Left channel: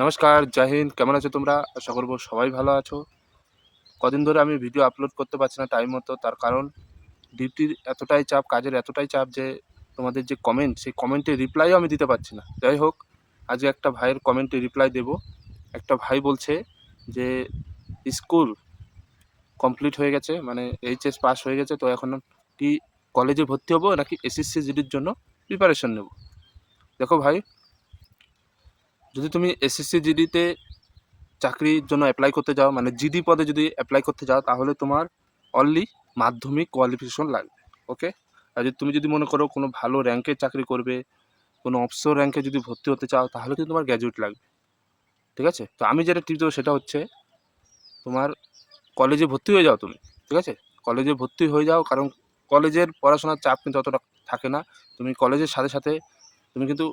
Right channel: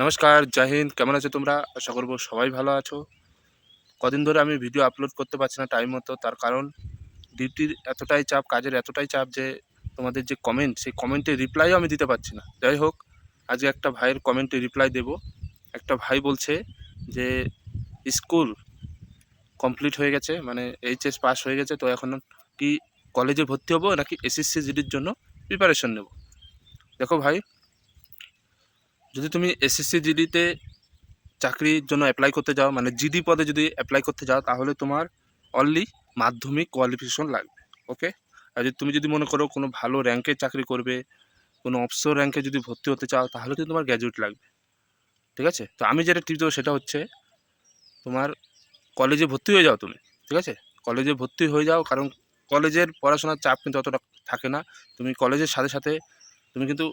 নমস্কার, জয় হিন্দ। কেমন আছো তোমরা? আশা করব সবাই ভালো আছো। কদিন ধরে আমি ভিডিও আপলোড করতে পারছি না টাইম মতো, তার কারণ ডিউটির এতটাই চাপ, কাজের এতটাই চাপ যে তোমাদের যে কমেন্ট সেই কমেন্টের রিপ্লাইও আমি দিতে পারছি না। যাই হোক, আজকে একটা ভাইয়ের কমেন্টে রিপ্লাই দেব। একটা ভাই বলছে যে, স্কুল কমপ্লিট হয়ে গেছে মানে এইচএস পাস হয়ে গেছে, তো এখন কি কলেজে ভর্তি হব নাকি এসএসসি জিডির জন্য প্রিপারেশন নেব? দেখো ভাই যদি তুমি এসএসসি জিডিতে চাকরির জন্য অ্যাপ্লাই করতে যাও মানে জিডি পদে যদি অ্যাপ্লাই করতে যাও, তাহলে তোমার অনলি মাধ্যমিক কোয়ালিফিকেশন লাগবে ওকে আর যদি তুমি যদি মনে করো কোনো ভালো র্যাঙ্কে চাকরি করবে, কোনো অফিসর র্যাঙ্কে যদি ভর্তি হতে চাও, তাহলে কিন্তু তোমার গ্র্যাজুয়েট লাগবে, ঠিক আছে? তো আমি যেটা টিপ দেবো সেটা হচ্ছে, তোমার কলেজে ভর্তি হয়ে যাও তুমি, ঠিক আছে? কলেজে ভর্তি হয়ে যাও, কারণ কলেজের পড়াশোনার চাপ কিন্তু অতটা থাকে না। তুমি কলেজের সাথে সাথে তুমি কিন্তু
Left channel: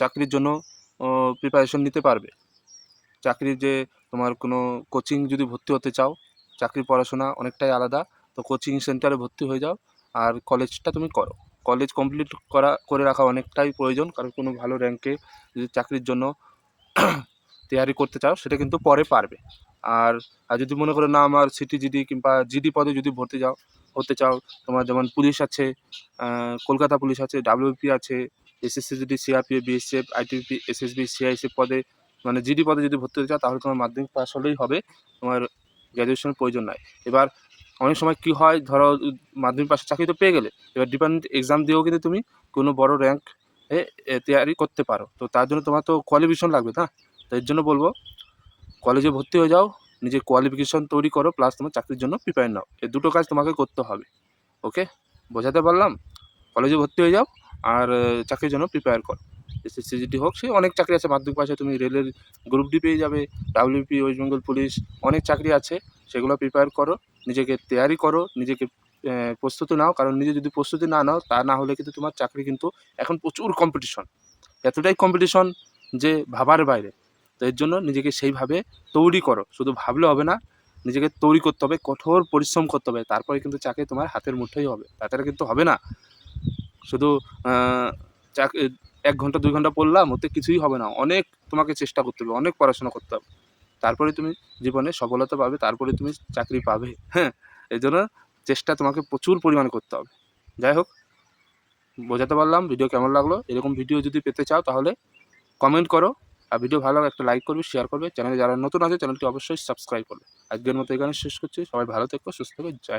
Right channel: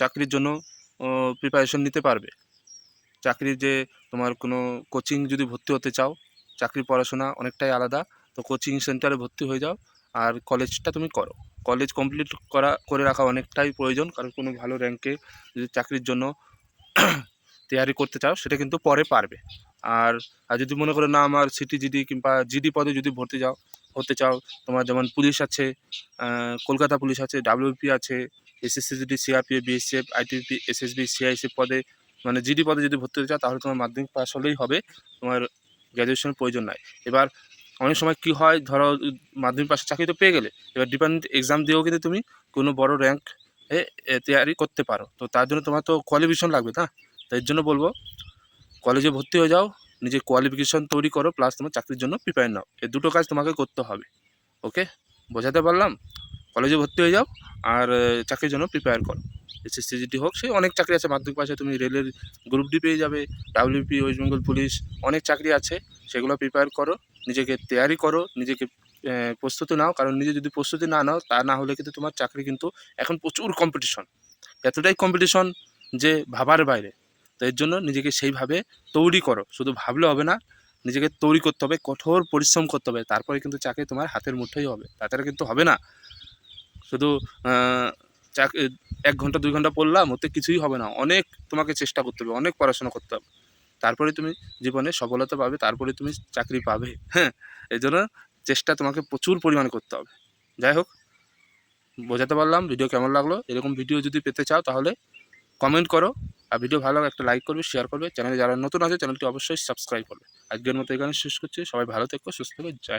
চাকরির জন্য প্রিপারেশন নিতে পারবে। চাকরির যে তোমার কোনো কোচিং যদি ভর্তি হতে চাও, চাকরির পড়াশোনা অনেকটাই আলাদা, তো কোচিং সেন্টারে ভর্তি হয়ে যাও আর কলেজটা তুমি করো। কলেজ কমপ্লিট করা, করে রাখা অনেকটাই প্রয়োজন, কারণ কোনো ভালো র্যাঙ্কে যদি চাকরির জন্য তৈরি করতে চাও, সেটা কিন্তু পরে পারবে। আর আর যদি মনে করো না, আমার সিটি জিডি কিংবা জিডি পদে যদি ভর্তি যাও হতে চাও, তোমার যেমন পুলিশ আছে কলকাতা পুলিশ আছে ডাব্লিউপি আছে SSC GD CRPF BSF ITP SSB CIC পদে মানে জিডি পদে যদি ভর্তি হতে চাও, তাহলে তোমার মাধ্যমিক পাস হলেই হবে, তোমার গ্র্যাজুয়েশনের প্রয়োজন নাই। এবার অনেক সময় কি হয়, ধরো মাধ্যমিক পাশে চাকরি তো পেয়ে গেলে, এবার ডিপেন্ডেন্ট এক্সাম দিয়েও কিন্তু তুমি কোনো বড় র্যাঙ্ক তৈরি করতে পারো। তো তার জন্য তোমার তো কোয়ালিফিকেশন লাগবে না। তো এর জন্য বলব কলেজে ভর্তি হয়ে যাও নিজে কোয়ালিফিকেশন তৈরি করো প্লাস তোমার চাকরির জন্য প্রিপেয়ার নাও। এই দুটো কাজ তোমাকে করতে হবে ওকে বোঝাতে পারলাম? কলেজে ভর্তি হয়ে যাও, আর চাকরির জন্য প্রিপেয়ার করো। এসএসসি জিডি হোক, সে অনেক চাকরি আছে, মাধ্যমিক পাশে তুমি রেলের গ্রুপ ডি পেয়ে যাবে ডাব্লিউপি ওয়েস্ট বেঙ্গল পুলিশ অনেক চাকরি আছে, সেগুলো প্রিপেয়ার করো, নিজেকে তৈয়ারি করো, নিজেকে প্রস্তুতি নাও, কারণ নিজে যদি প্রস্তুতি না নাও, তা না হলে কিন্তু তোমার চাকরি কিন্তু এখন প্রচুর কম্পিটিশন এতটাই কম্পিটিশন যে ভাবার বাইরে। তো এর জন্য নিজেকে সেইভাবে তৈরি করো। শুধু ভাবলে হবে না নিজেকে তৈরি করতে হবে কঠোর পরিশ্রম করতে হবে তারপরে কিন্তু চাকরি তোমার হাতের মুঠোই হবে তাছাড়া কিন্তু হবে না। শুধু আহ, চাক এক ঘণ্টা দুই ঘণ্টা পড়লাম ওতে কিছুই হবে না অনেক তোমাকে চেষ্টা করতে হবে অনেক পড়াশোনা করতে হবে। তারপরে তুমি জীবনে সফলতা পাবে তারপরে তুমি চাকরি পাবে হ্যাঁ? এই জন্য চেষ্টা তোমাকে প্রচুর পরিমাণে করতে হবে। যাই হোক বোঝাতে পারলাম ভিডিও কেমন লাগল? এরকম ভিডিও যদি পেতে চাও তাহলে কমেন্ট করো। আর ভিডিও ভালো একটা লাইক করবে শেয়ার করবে। চ্যানেলে যারা নতুন আছে চ্যানেলটি অবশ্যই সাবস্ক্রাইব করবে। আজকের মতো এখানে শেষ করছি। সবাই ভালো থেকো, সুস্থ থেকো, জয়।